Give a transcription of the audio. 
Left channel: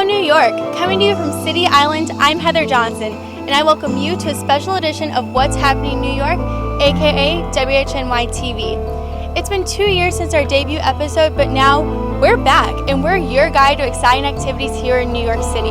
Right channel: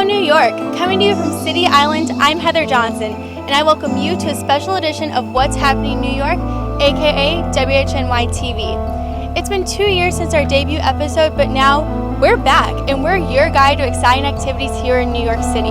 Hello, New York! Coming to you from City Island, I'm Heather Johnson, and I welcome you to a special edition of What's Happening in New York, aka WHNY-TV. It's been 2 years since our debut episode, but now we're back, and we're your guide to exciting activities here in New York City.